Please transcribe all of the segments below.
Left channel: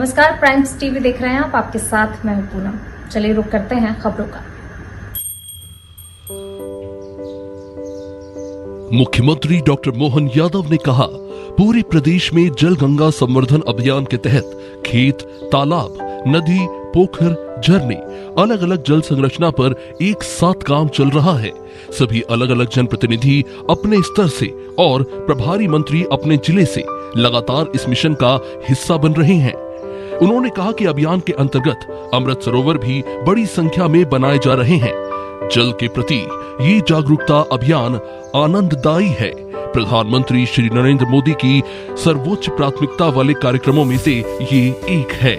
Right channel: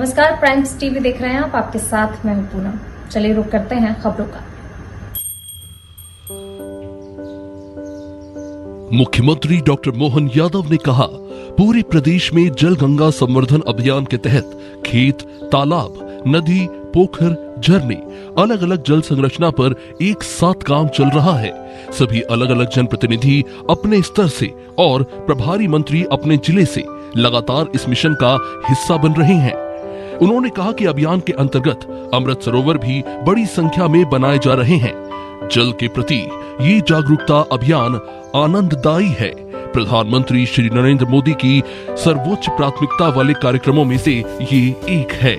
नमस्कार, primes TV देख रहे हैं आप। आपके साथ मैं हूं पूनम। चलिए रुक करते हैं खबरों का। मुख्यमंत्री डॉक्टर मोहन यादव ने कहा, पूरे प्रदेश में जल गंगा संवर्धन अभियान के तहत खेत, तालाब, नदी, पोखर, झरने, अलग अलग जल संरचना पर एक साथ काम चल रहा है। सभी अलग अलग जनप्रतिनिधि अपने स्तर से और प्रभारी मंत्री अपने जिले से लगातार इस मिशन का हिस्सा बन रहे हैं। उन्होंने कहा कि अभियान के अंतर्गत अमृत सरोवर भी बड़ी संख्या में बनाए जा रहे हैं। जल के प्रति ये जागरूकता अभियान आनंददायी है। प्रधानमंत्री श्री नरेंद्र मोदी की सर्वोच्च प्राथमिकता वाले कार्यक्रमों में से ये एक है।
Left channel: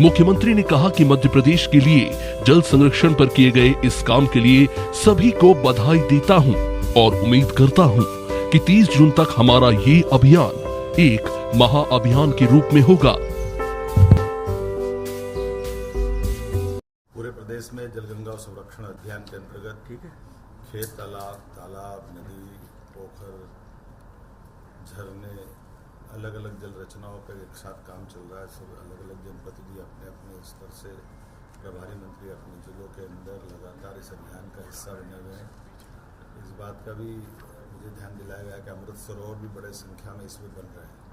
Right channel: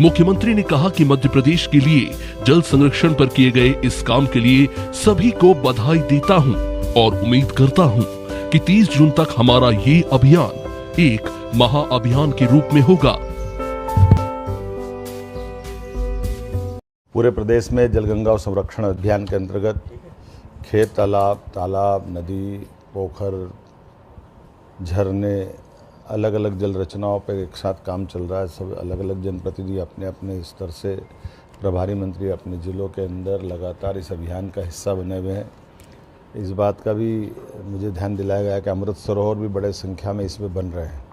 मुख्यमंत्री ने कहा कि मध्य प्रदेश के लिए जल संरक्षण पर किए गए इस काम के लिए सभी को बधाई देता हूं और उम्मीद करता हूं कि 30 जून तक हमारा ये अभियान एक महाअभियान के रूप में होगा। पूरे प्रदेश में जलगंगा संरक्षण अभियान के अंतर्गत खेत, तालाब, नदी, पोखर, झरने, अलग अलग जल रचनाओं पर एक साथ काम चल रहा है। सब अलग अलग जनप्रतिनिधि अपने अपने स्तर से, प्रभारी मंत्री अपने जिलों के अंदर लगातार इस अभियान का हिस्सा बने हुए हैं। इस बात का भी मुझे ध्यान दिलाया गया कि अमृत सरोवर भी बड़े संख्या में इसमें बन रहे हैं।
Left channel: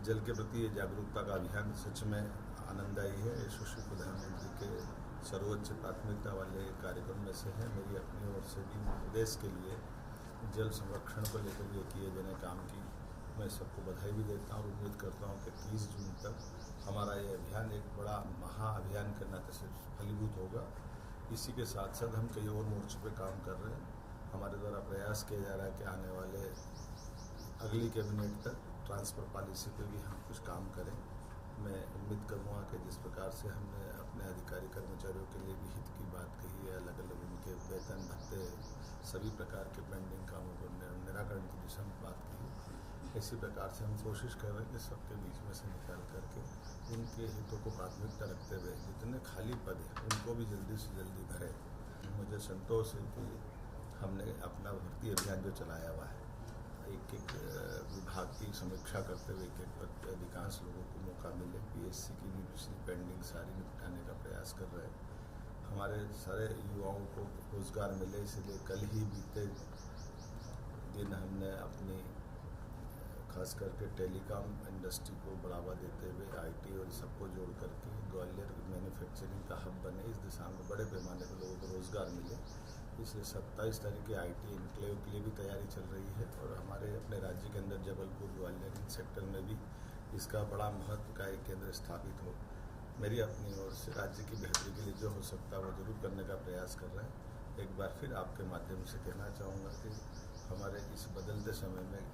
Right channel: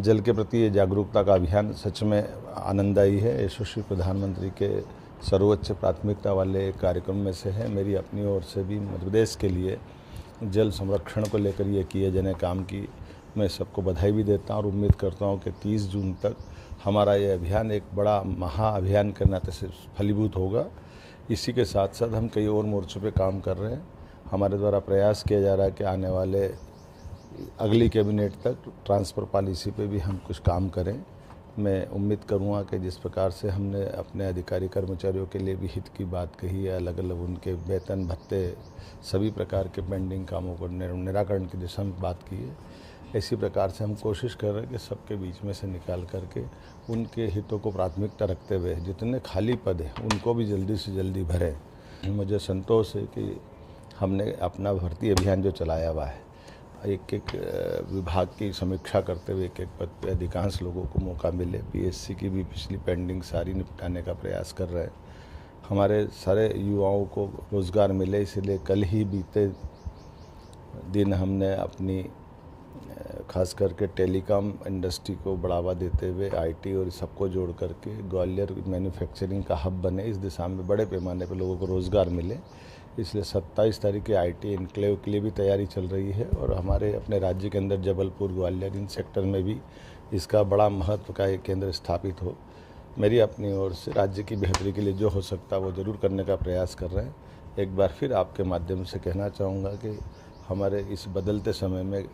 जल के प्रति ये जागरूकता का अभियान सच में आनंददायी है। यशस्वी प्रधानमंत्री के सर्वोच्च प्राथमिकता वाले कार्यक्रम में से है। मेरी अपनी ओर से भी मध्य प्रदेश के लिए जल संरक्षण को लेकर ये किए जाने काम की मैं सबको बधाई भी देता हूँ और उम्मीद करता हूँ कि 30 जून तक हमारा ये अभियान एक बड़ा महाअभियान के नाते से फलीभूत होगा। इसी के साथ साथ हम कई और मोर्चों पे काम कर रहे हैं। हमारे द्वारा प्रयास किया जा रहा है कि आने वाले अगली कैबिनेट तक ट्रांसफ़र पॉलिसी पे भी हम कुछ काम करें। मैं उम्मीद करूँगा कि जिस प्रकार से हमने अपने अधिकारी कर्मचारियों के लिए भी हित की बात कही है, अलग अलग उनके वेतन भत्ते सभी प्रकार के पेंडिंग कामों को निराकरण की दिशा में बात की है, इसी प्रकार से हम कोशिश कर रहे हैं कि सबके बीच में से निकाल करके उनके हितों को प्राथमिकता रखते हुए जितने खाली पद हैं उनको भी जल्दी से जल्दी भरें। मुझे संतोष है कि हमने अपना भर्ती अभियान जो चलाया हुआ है, एक एक विभाग की समीक्षा करते हुए एक एक पद पे अधिकांश लोगों को मौका मिले। पीएससी की भी पिछली पेंडिंग सारी निपटाने का प्रयास कर रहे हैं। हमारे सारे युवाओं को रोज़गार मिले, इसलिए कल ही बीते दिन हमने अपनी खास करके टेलीकॉम इंडस्ट्री को बढ़ावा देते हुए आईटी और सबको जोड़ करके ग्वालियर मैन्युफैक्चरिंग का हब बने, इस दिशा में बड़े पैमाने पर लोगों को रोज़गार मिले। इसलिए 27 तारीख के आईटी इनक्लेव के लिए भी तैयारी चल रही है और हमारे अपने राज्य के अंदर जबलपुर, ग्वालियर इन सेक्टर में भी इसका बड़ा महत्व का एक केंद्र स्थापित हो। मेरी अपनी ओर से राज्य की बेहतरी के लिए जो हो सकता है वो ज़रूर करने का प्रयास कर रहे हैं। एक बार फिर आपके माध्यम से कहना चाहूँगा कि हमारे इस बदलते समय में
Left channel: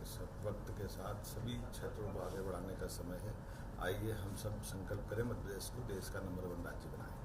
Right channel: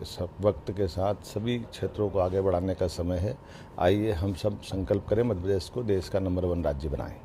वक्त के साथ सभी क्षेत्रों को आगे बढ़ाने का समय है। आइए हम सब संकल्प करें, मध्य प्रदेश को देश का नंबर 1 राज्य बनाएं।